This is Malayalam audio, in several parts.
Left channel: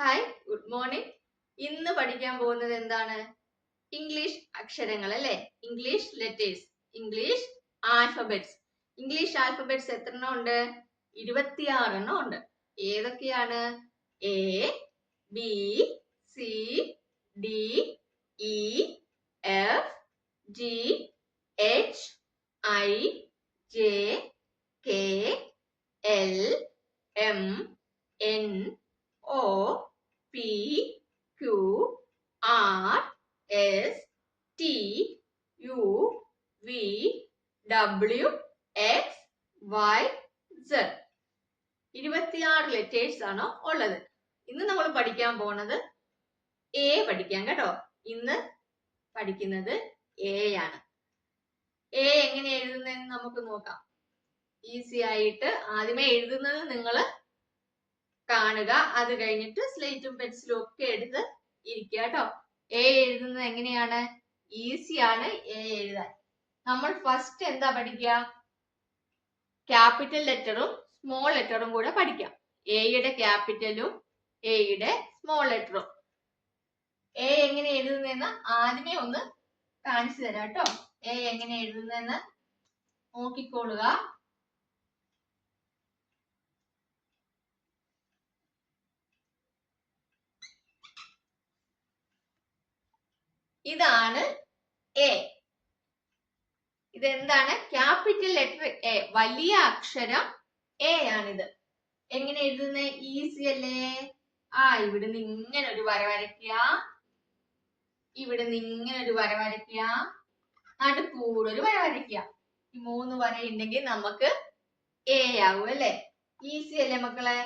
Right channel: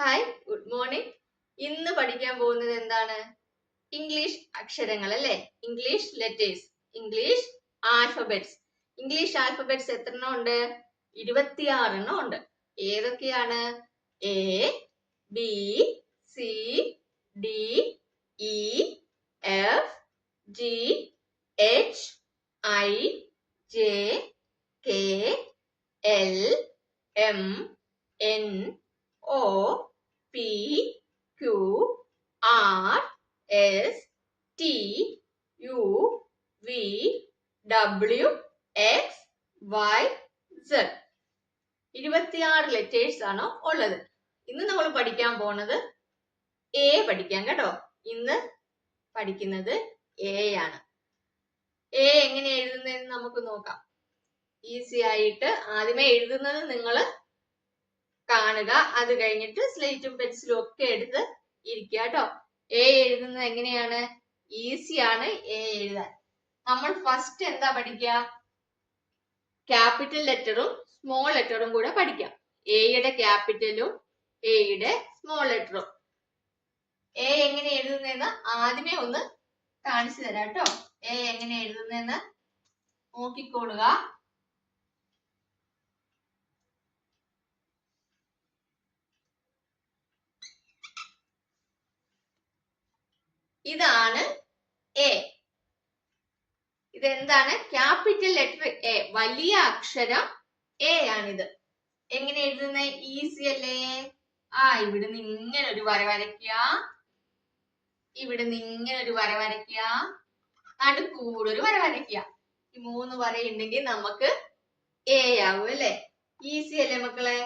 Hi, good morning. ഇന്ന് പഠിക്കാൻ പോകുന്നത് എന്താണ്? ഇംഗ്ലീഷ് അക്ഷരങ്ങൾ അല്ലേ? English letters, English alphabets. English alphabets എത്രണ്ണം ഉണ്ട്? 26 ഉണ്ട്. ഏതൊക്കെയാണ്? A, B, C, D, E, F, G, H, I, J, K, L, M, N, O, P, Q, R, S, T, U, V, W, X, Y, Z. 26 letters ആണ് ഉള്ളത്. ഇന്ന് നമ്മൾ പഠിക്കാൻ പോണത് എ പഠിക്കാം കേട്ടോ. ഇന്ന് പഠിക്കുന്നത് എ ആണ്. എ എങ്ങനെ എഴുതുന്നതെന്ന് നമുക്ക് നോക്കാം. ഈസി ആയിട്ട് ആദ്യമേ എഴുതുന്നത് നിങ്ങൾ കാണുക. അത് കഴിഞ്ഞിട്ട് സ്ലേറ്റും പെൻസിലും ഒക്കെ എടുത്ത് ഇരിക്കുക കേട്ടോ. എ എഴുതുന്നത് എങ്ങനെയാണ്? ഈസിയാണ് എ എഴുതാൻ. നമ്മൾ ഫസ്റ്റ് എന്താ പഠിക്കുക? ക്യാപിറ്റൽ ലെറ്ററും സ്മോൾ ലെറ്ററും കൂടെ പഠിക്കാം. എയുടെ ക്യാപിറ്റലും എയുടെ സ്മോൾ ലെറ്ററും. എ എങ്ങനെ എഴുതുന്നതെന്ന് ആദ്യമേ ഒന്ന് കാണിച്ചു തരാം കേട്ടോ. എ എങ്ങനെ എഴുതുന്നതെന്ന് നോക്കിക്കോളുക. ഇതാണ് എ. ഇതെന്താണ്? ക്യാപിറ്റൽ ലെറ്റർ എ, വലിയ അക്ഷരം എ ആണിത്. എങ്ങനെ എഴുതുന്നത്? ഈസി അല്ലേ? ഇവിടുന്ന് ഇങ്ങനെ ഒരു വര വരയ്ക്കുക, ഇവിടുന്ന് ഇങ്ങനെ ഒരു വര വരയ്ക്കുക, നടുക്കൂടെ ഒരു വര വരയ്ക്കുക. ഈ 3 വരയുണ്ടെങ്കിൽ നമുക്ക് എ ആവും അല്ലേ? ഈസി അല്ലേ മക്കളെ?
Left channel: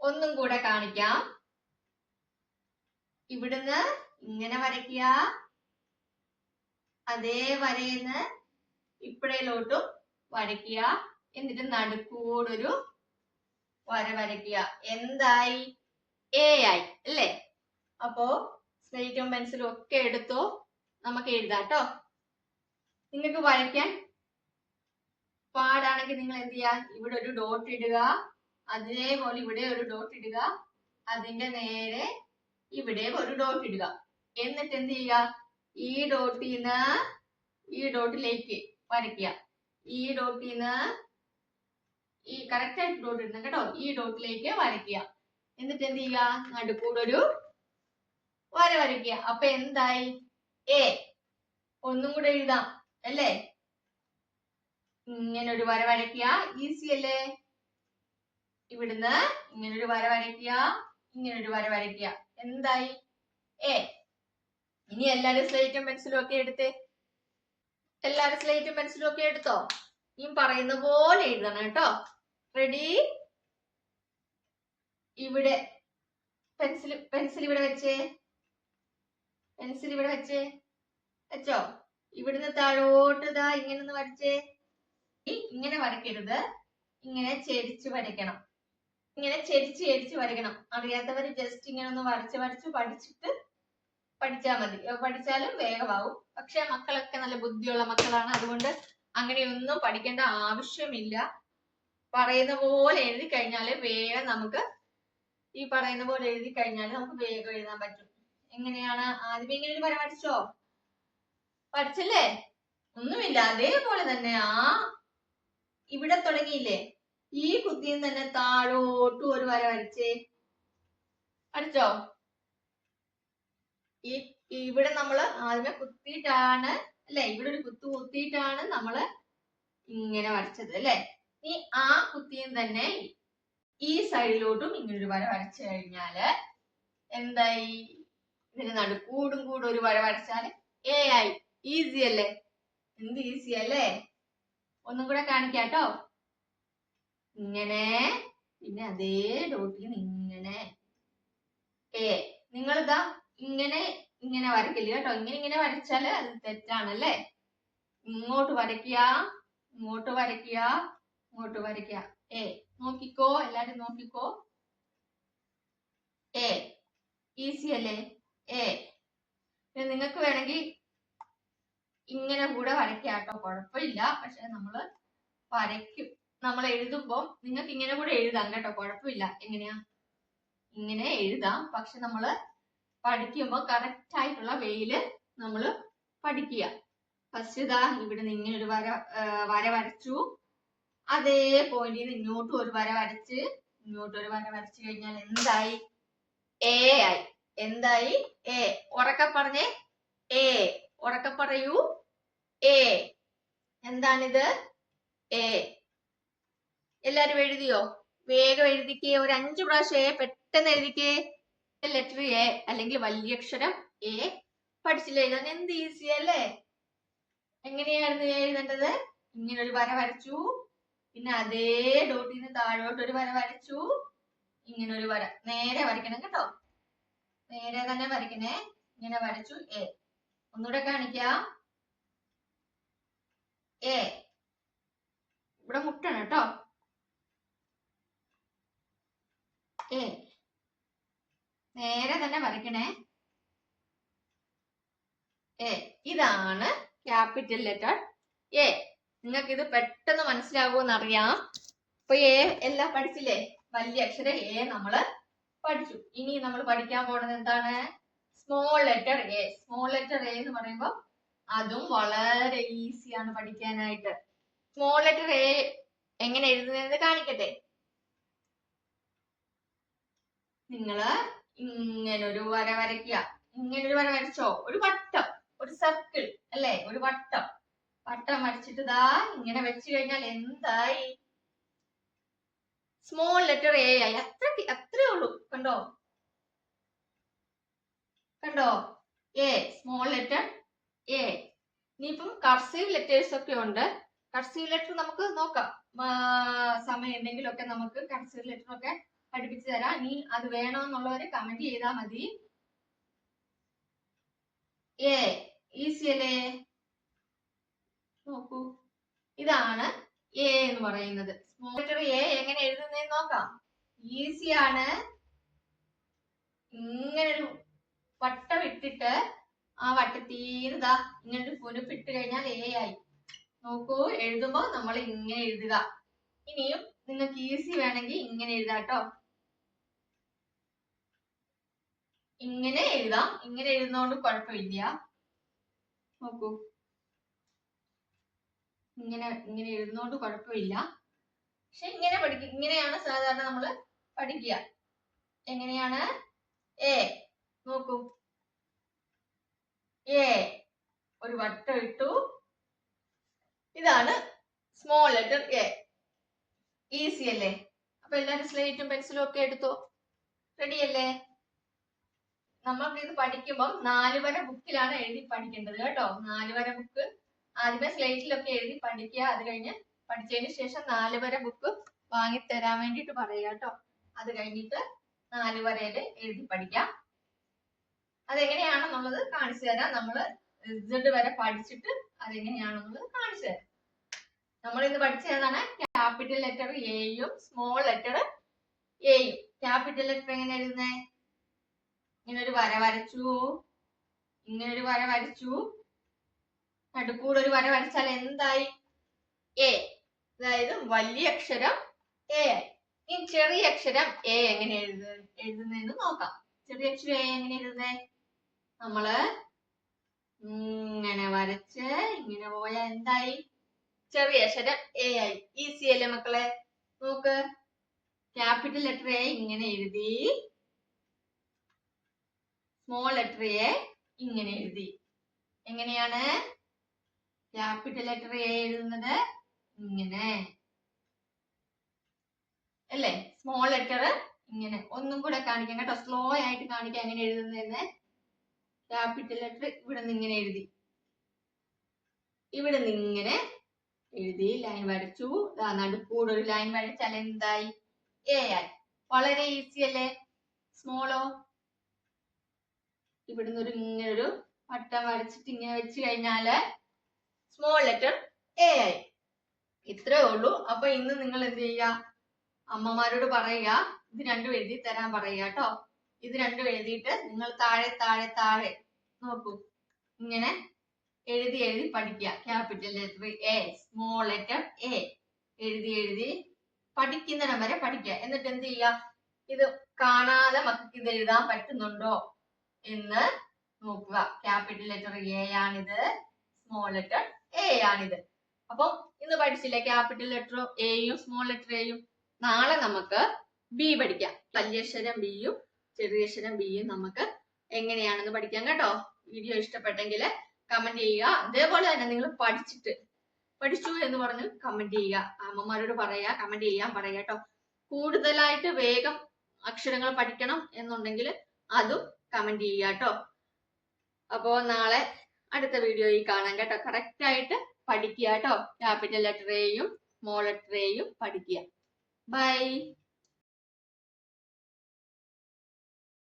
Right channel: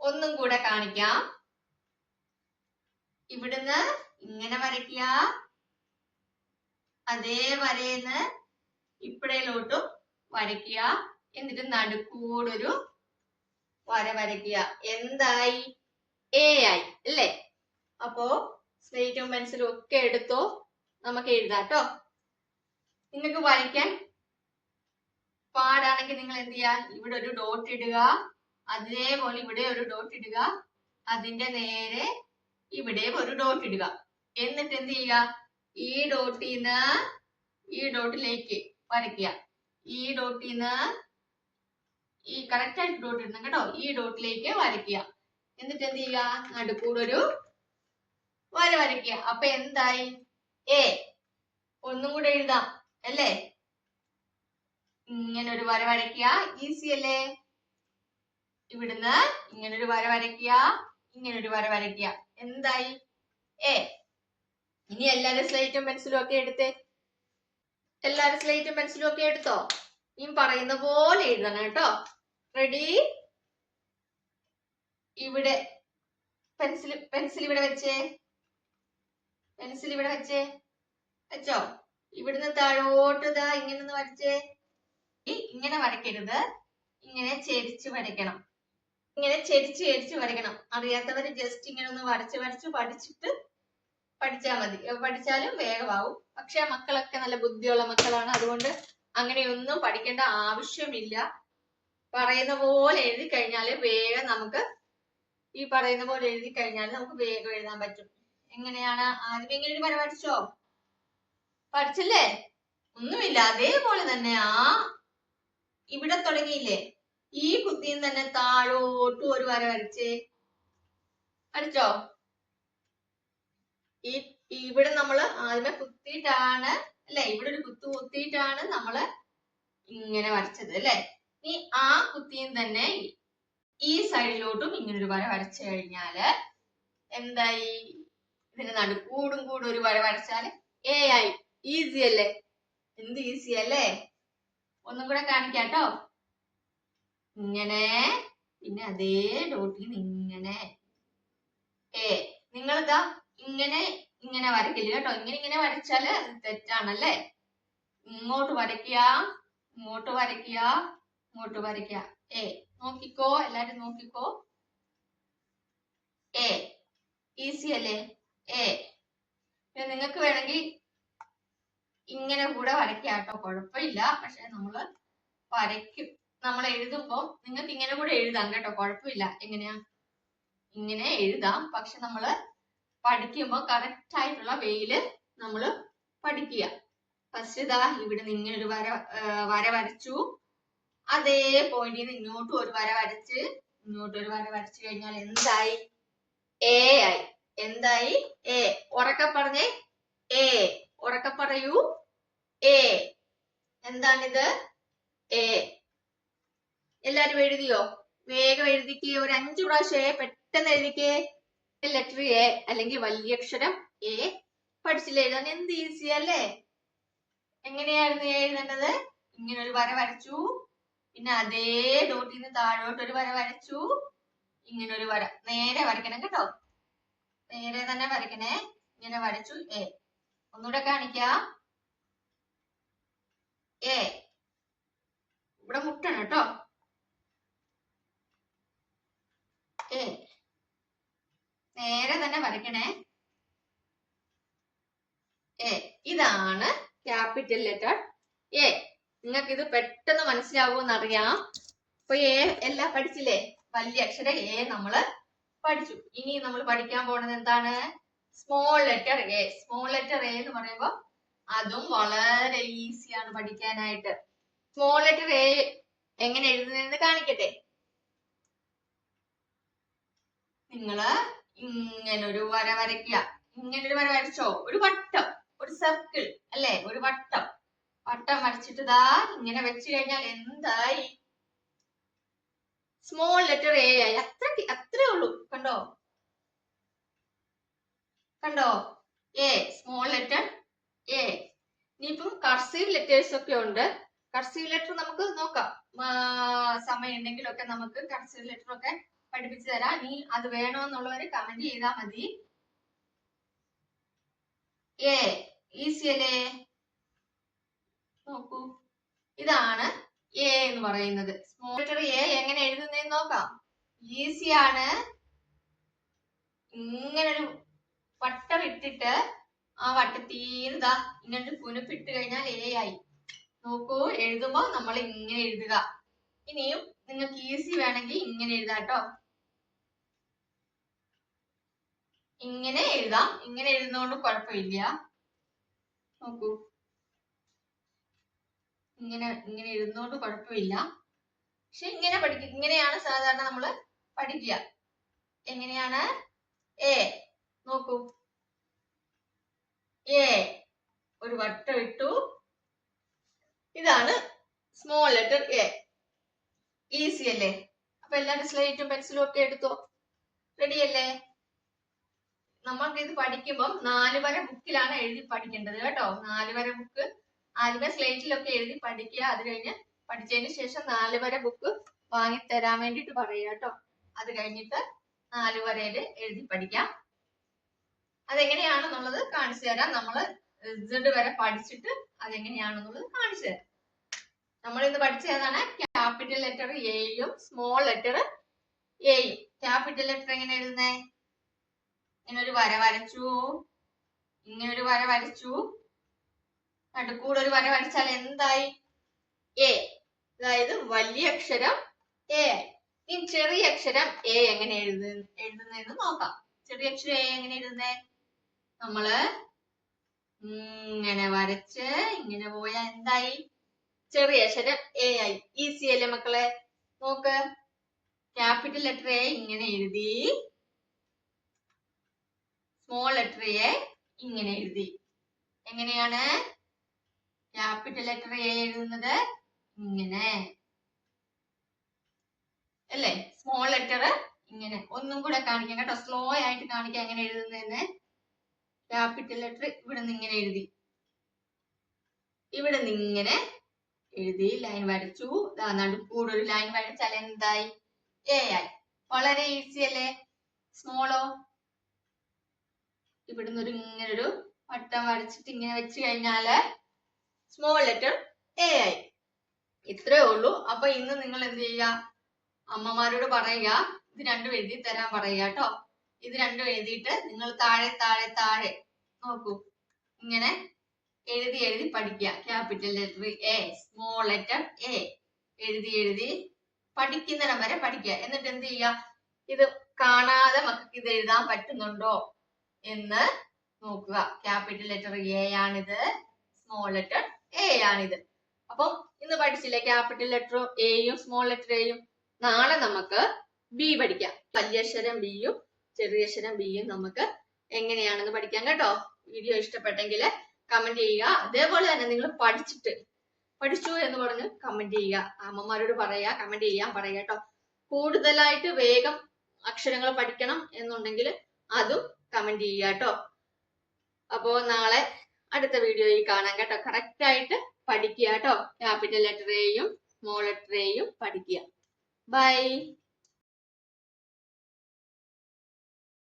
ഒന്നും കൂടെ കാണിക്കാം. ഇവിടുന്ന് ഇങ്ങനെ വരയ്ക്കുക, അതേ വരയിന്ന് ഇപ്പഴയിലോട്ടും വരയ്ക്കുക, എന്നിട്ട് നടുക്കൂടൊരു വര വരയ്ക്കുക. എന്തായി? എ ആയി അല്ലേ? അപ്പോ സ്ലേറ്റും പെൻസിലും ഒക്കെ എടുത്തോ, നമുക്ക് എഴുതാം കേട്ടോ. നിങ്ങൾക്ക് വരയ്ക്കാൻ പാടാണെങ്കിൽ നിങ്ങൾ എന്ത് ചെയ്യുക? ഇവിടെ ഒരു ഡോട്ട് ഇടുക, അതേപോലെ ഇവിടെ ഒരു ഡോട്ട് ഇടുക, അതിന്റെ നേരെ ഇവിടെ ഒരു ഡോട്ട് ഇടുക. എന്നിട്ട് എന്ത് ചെയ്യുക? ഈ ഡോട്ടിന്ന് ഈ ഡോട്ടിലേക്ക് വരയ്ക്കുക. ഈ ഡോട്ടിന്ന് ഈ കറക്റ്റ് ആയിട്ട് ഡോട്ട് ഇടണം കേട്ടോ. ഈ ഡോട്ടിലേക്ക് വരയ്ക്കുക. എന്നിട്ട് എന്ത് ചെയ്യുക? നടുക്കൂടൊരു വര വരയ്ക്കുക. അപ്പൊ എന്തായി? എ. ഒന്നും കൂടെ എഴുതാം അല്ലേ? ഇങ്ങനെ ഒരു വര വരയ്ക്കുക. ഈസി അല്ലേ? ഇവിടുന്ന് ഇങ്ങനെ ഒരു വര വരയ്ക്കുക, ഇങ്ങനെ ഒരു വര വരയ്ക്കുക. എന്തായി? എ. ഇനി എല്ലാരും സ്ലേറ്റും പെൻസിലും ഒക്കെ എടുത്തേ. എല്ലാരും സ്ലേറ്റും പെൻസിലും ഒക്കെ എടുത്തോ? ഈ പറയുന്ന പോലെ എഴുതണം കേട്ടോ. റെഡി? ഇവിടെ പെൻസിൽ ഇവിടെ വെച്ചേ. പെൻസിൽ ഇവിടെ വെച്ചേ. വെച്ചോ? ഇവിടുന്ന് താഴോട്ട് ഇതാ ഇങ്ങനെ ഒന്ന് വരച്ചേ. ഇങ്ങനെ വരയ്ക്കരുത്, ഇങ്ങനെ ചെരിച്ച് വരയ്ക്കണം. ഇങ്ങനെ ചെരിച്ച് വരയ്ക്കണം. അറിയാത്തവര് ജസ്റ്റ് ഇങ്ങനെ ഒന്ന് വരച്ച് പഠിച്ചിട്ട് പഠിച്ചാൽ മതി. പഠിച്ചാലും വേഗമാവും. പക്ഷെ മക്കളൊക്കെ നല്ല ബുദ്ധിയുള്ള മക്കളാണ്, അതുകൊണ്ട് അങ്ങനെയൊന്നും പഠിക്കേണ്ട ആവശ്യമില്ല. പറയുന്ന പോലെ എഴുതി കഴിഞ്ഞാൽ വേഗം നമുക്ക് ഈ പറയുന്ന പോലെ എഴുതി കഴിഞ്ഞാൽ നമുക്ക് വേഗം എഴുതാൻ പറ്റും. എങ്ങനെയാണ്? ആദ്യമേ ഇങ്ങനെ ഒരു വര വരച്ചോ? പഠിച്ചല്ലേ? ഒന്നുമില്ല, അതേപോലെ തന്നെ ഇവിടെ തുടങ്ങിയില്ലേ? ഈ കുത്തിയിൽ തന്നെ താഴോട്ടും ഒരു വര വരച്ചേ. വരച്ചോ? ഇവിടെ നമ്മൾ ആദ്യമേ കുത്തിയിട്ടാണ് അല്ലെ? ഇവിടെ ഒരു കുത്തു കുത്തിയിട്ടാണ് നമ്മള് ഇങ്ങനെ വരച്ചത് അല്ലെ? ഈ കുത്തിയും തന്നെ ഈ സൈഡിലോട്ടും ഇങ്ങനെ ഒരു വര വരച്ചു കഴിഞ്ഞാല് എന്തായി? ഇതിന് നടുക്കൂടും കൂടെ ഒരു വര വരച്ചാല് എ ആയി. ഈസി അല്ലേ? എന്ത് ഈസി അല്ലേ? ഒന്നും കൂടെ കാണിക്കാട്ടോ. ഇങ്ങനെ, പിന്നെ അതേ ഡോട്ടിൽ ഇങ്ങനെ എ. നിങ്ങളിതാ ഇങ്ങനെ വരയ്ക്കില്ല കേട്ടോ. ഇങ്ങനെ വരച്ചാല് അത് തെറ്റാണല്ലേ? ഇങ്ങോട്ട് വരയ്ക്കുക, ഇങ്ങോട്ട് വരയ്ക്കുക, ഇങ്ങോട്ട് വരയ്ക്കുക. എ. നോക്കിക്കോ, എല്ലാരും നോക്കിക്കോ. എ. ഈസി അല്ലേ? എ. പിന്നെ നിങ്ങൾക്ക് വേണമെങ്കിൽ ഇങ്ങനെ കൂടെ വരയ്ക്കാം കേട്ടോ, കുഴപ്പമില്ല. പക്ഷെ നമ്മള് വരയ്ക്കും, നമ്മൾ എഴുതുമ്പോൾ നിങ്ങൾക്ക് ഇങ്ങനെ കൂടെ എഴുതാം കേട്ടോ, കുഴപ്പമില്ല. എങ്ങനെയാ? ഇങ്ങനെ എഴുതാം. പക്ഷെ നമ്മള് പഠിക്കുമ്പോൾ കറക്റ്റ് ആയിട്ടുള്ള വേയില് നമ്മള് പഠിക്കുക. ഫസ്റ്റ് ഇതാ ഇവിടെ നിന്ന് ഇങ്ങനെ ഒരു വര വരച്ചു. അതേ പോയിന്റിൽ നിന്ന് ഇങ്ങോട്ടും ഒരു വര വരച്ച് കഴിഞ്ഞാൽ എന്തായി? എ ആയി. എന്തായി? എ. ഉറക്കെ പറഞ്ഞേ. എ. ഉറക്കെ പറയൂ. എ. എന്താണിത്? എ. എല്ലാരും എഴുതിയോ? വേഗം എഴുതിക്കേ. ഒരു 5 പ്രാവശ്യം എ പെട്ടെന്ന് എഴുതിക്കേ. ലെറ്റർ എ അല്ലെങ്കിൽ വലിയ അക്ഷരം എ പഠിച്ചില്ല എഴുതാൻ. എന്ത് ഈസി അല്ലേ? എങ്ങനെയായിരുന്നു എഴുതേണ്ടത്? ഇങ്ങനെ ഒരു വര വരച്ചു, പിന്നെ അതേ ഡോട്ടിൽ നിന്ന് താഴോട്ട് ഒരു വര വരച്ചു, ഇങ്ങനെ ഒരു വര നേരെ വരയ്ക്കണം കേട്ടോ. നേരെ തന്നെ വരയ്ക്കണേ. ഇങ്ങനെ വരച്ചു എ. ഒന്നുകൂടെ കാണിക്കാം. എ. ഇവിടെ മുട്ടണം കേട്ടോ. എ. നേരെ തന്നെ വരയ്ക്കണേ. എ. ഇതാണ് ക്യാപിറ്റൽ ലെറ്റർ എ. നിങ്ങൾക്ക് ഇത് പെട്ടെന്ന് മനസ്സിലാകുമെന്ന് അറിയാം. അപ്പൊ എ എല്ലാം പഠിച്ചില്ലേ? വലിയ അക്ഷരം എ നമ്മള് പഠിച്ചു. ഇനി നമ്മൾ പഠിക്കാൻ പോകുന്നത് എന്താണ്? Small letter A. Small letter A എന്ന് പറയുമ്പോൾ അതും വളരെ ഈസിയാണ് പഠിക്കാനായിട്ട്. സ്മോൾ ലെറ്റർ എ എങ്ങനെ എഴുതുന്നതെന്ന് കാണിക്കട്ടെ. നിങ്ങള് ഇങ്ങനൊരു വര വരയ്ക്കുക. ഇങ്ങനൊരു വര വരച്ചോ? ഒരു വട്ടം, ഒരു സർക്കിൾ അല്ലേ? ഒരു വട്ടം വരച്ചിട്ട് ഇതാ ഇങ്ങനെ വെച്ച് കഴിഞ്ഞാൽ എന്തായി? സ്മോൾ ലെറ്റർ എ ആയി. അത്രേ ഉള്ളൂ. കണ്ടോ? എ. Small letter A. ഇനിയിപ്പം കർസീവ് ലെറ്റേഴ്സ് ഒക്കെ ഉണ്ട്. കർസീവ് ലെറ്റർ നമുക്ക് നോക്കാം. സമയം ഉണ്ടെങ്കിലൊക്കെ നമുക്ക് കർസീവ് ലെറ്റർ ഒക്കെ പഠിപ്പിച്ചു തരാം. ഇനി അത് വേണമെന്നുള്ളവര് കമന്റ് ചെയ്താൽ മതി. എ ഈസി അല്ലേ? നോക്കൂ, ഇതാണ് എ എന്ന് പറയുന്നത്. സ്മോൾ ലെറ്റർ എ എങ്ങനെ എഴുതുന്നതെന്ന് നോക്കാം. ഈസിയാണ്. ഇങ്ങനൊരു വട്ടം ഇട്ടിട്ട് ആ വട്ടത്തീന്ന് ഇതാ ഇങ്ങനൊരു കുനുപ്പിട്ട് കഴിഞ്ഞാൽ എ ആയി. നോക്കൂ, എഴുതുമ്പോ നമ്മൾ ഇങ്ങനെ എഴുതുക. ഇനിയും നിങ്ങൾക്ക് ഈസി വേണമെങ്കിൽ ഇങ്ങനെ എഴുതാട്ടോ. ഇങ്ങനെ എഴുതാം. ഇങ്ങനെ എഴുതുന്നതുകൊണ്ട് കുഴപ്പമില്ല. നോക്കൂ, ഇങ്ങനെ എഴുതുന്നതുകൊണ്ട് കുഴപ്പമില്ല. പക്ഷെ ഇങ്ങനെ പഠിക്കുക. ഇങ്ങനെയാണ് സാധാരണ നമ്മൾ പഠിക്കുക. എങ്ങനെയാണ്? എ. നോക്കൂ, എ ഒരു വട്ടം ഇട്ടു. ഇതാണ് സ്മോൾ ലെറ്റർ എ. ഈസി അല്ലേ? അപ്പൊ എല്ലാവരും സ്ലേറ്റും പെൻസിലും ഒക്കെ എടുത്തോ? റെഡി അല്ലേ? നമ്മൾക്ക് ഇത് പഠിക്കുമ്പോൾ 4 വര ബുക്കിലാണ് എഴുതി പഠിക്കേണ്ടത് കേട്ടോ. 4 വര ബുക്ക് ആദ്യമേ സ്ലേറ്റിലൊക്കെ എഴുതി പഠിക്കുക. അത് കഴിഞ്ഞ് പഠിച്ചതിന് ശേഷം 4 വര ബുക്ക് വാങ്ങിത്തരാൻ വേണ്ടിട്ട് പറയുക കേട്ടോ. അത് കഴിഞ്ഞിട്ട് 4 വരയിൽ എഴുതി പഠിക്കാം. അതെങ്ങനെയാണെന്നുള്ളത് കാണിച്ചു തരാം. നമ്മള് Z വരെ പഠിച്ചിട്ട് അതെങ്ങനെയാണെന്നുള്ളത് കാണിച്ചു തരാം. നമ്മൾ ഇന്ന് പഠിച്ചതാണ് ക്യാപിറ്റൽ ലെറ്റർ എയും സ്മോൾ ലെറ്റർ എയും. ക്യാപിറ്റൽ ലെറ്റർ എങ്ങനെ എഴുതുന്നേ? ഇങ്ങനൊരു വര വരച്ചു, ഇങ്ങനൊരു വര വരച്ചു, നടുക്കൂടെ ഒരു വര വരച്ചാൽ എന്തായി? എ. അതായത് വലിയ അക്ഷരം എ. ഇനി ചെറിയ അക്ഷരം എ എങ്ങനെ എഴുതുന്നതെന്ന് നോക്കാം. ചെറിയ അക്ഷരം എ എങ്ങനെ എഴുതുന്നേ? നമ്മള് ഇങ്ങനെ വരച്ച് ഇങ്ങനെ പോയാൽ എന്തായി? ചെറിയ അക്ഷരം എ ആയി. ഈസി അല്ലേ മക്കളെ? നോക്ക്, ക്യാപിറ്റൽ ലെറ്റർ എ ഇങ്ങനെ എഴുതി, സ്മോൾ ലെറ്റർ എ ഇങ്ങനെ എഴുതി. എങ്ങനെയാണ് ക്യാപിറ്റൽ ലെറ്റർ എ എഴുതുന്നത്? ഇങ്ങനെ അല്ലേ? സ്മോൾ ലെറ്റർ ഇങ്ങനെ. ഒന്നും കൂടെ കാണിക്കാം കേട്ടോ, സ്ലോ ആയിട്ട് കാണിക്കാം എങ്ങനെ എഴുതുന്നതെന്ന്. ക്യാപിറ്റൽ ലെറ്റർ ഇവിടെ നിന്ന് ഇങ്ങനെ എഴുതി, ഇവിടെ നിന്ന് ഇങ്ങനെ എഴുതി, ലൈൻ വരച്ചു. നടുക്കൂടെ ഒരു ലൈൻ വരച്ചാൽ എന്തായി? എ ആയി. വളരെ ഈസി അല്ലേ? സ്മോളോ? ഇവിടുന്ന് ഇങ്ങനൊരു വട്ടം വരച്ചിട്ട് ഇങ്ങനെ വെച്ച് കഴിഞ്ഞാല് സ്മോൾ ലെറ്റർ എ ആയി. ഇത്രേ ഉള്ളൂ. അപ്പൊ ഇന്ന് നിങ്ങൾ എന്ത് ചെയ്യുക? അമ്മമാരോട് പറയുക, ഇത് രണ്ടും എഴുതി തരാൻ പറയുക കേട്ടോ. ഇത് രണ്ടും എഴുതിയിട്ട് നിങ്ങൾ താഴെ താഴെ താഴെ നോക്കൂ, ഇങ്ങനെ എഴുതി പഠിക്കുക. Capital letter A, small letter A എഴുതി പഠിക്കുന്നിടം വരെ പഠിക്കുക. എന്നിട്ട് എന്ത് ചെയ്യുക? ഇത് കാണാതെ മക്കൾക്ക് ഇത് എഴുതാൻ പറ്റുന്നുണ്ടോ എന്ന് നോക്കുക. ക്യാപിറ്റൽ ലെറ്റർ എ ആണിത്, സ്മോൾ ലെറ്റർ എ ആണിത്. അപ്പൊ ഇന്ന് പഠിച്ചില്ലേ ക്യാപിറ്റൽ ലെറ്റർ എയും സ്മോൾ ലെറ്റർ എയും. നാളെ നമുക്ക് ബി പഠിക്കാം. വലിയക്ഷരം ബിയും ചെറിയക്ഷരം ബിയും നമുക്ക് എങ്ങനെയാണെന്ന് പഠിക്കാം കേട്ടോ. വീഡിയോ ഇഷ്ടപ്പെട്ടെങ്കിൽ കമന്റ് ചെയ്യുക. അതേപോലെ തന്നെ നിങ്ങൾ പഠിച്ചു എന്ന് പറഞ്ഞ് കമന്റ് ചെയ്യുക. അമ്മമാരോട് പറയാ, കമന്റ് ചെയ്യാൻ പറയാ കേട്ടോ. കൂടുതലായിട്ട് വേഗം അക്ഷരങ്ങൾ പഠിക്കണം എന്നുണ്ടെങ്കിൽ അതും കമന്റ് ചെയ്യുക കേട്ടോ. അപ്പോ നാളെ അടുത്ത വീഡിയോയിൽ കാണാം കേട്ടോ. കറക്റ്റ് ആയിട്ട് പഠിക്കുക കേട്ടോ. ക്യാപിറ്റൽ ലെറ്റർ എയും സ്മോൾ ലെറ്റർ എയും പഠിക്കുക. ബൈ.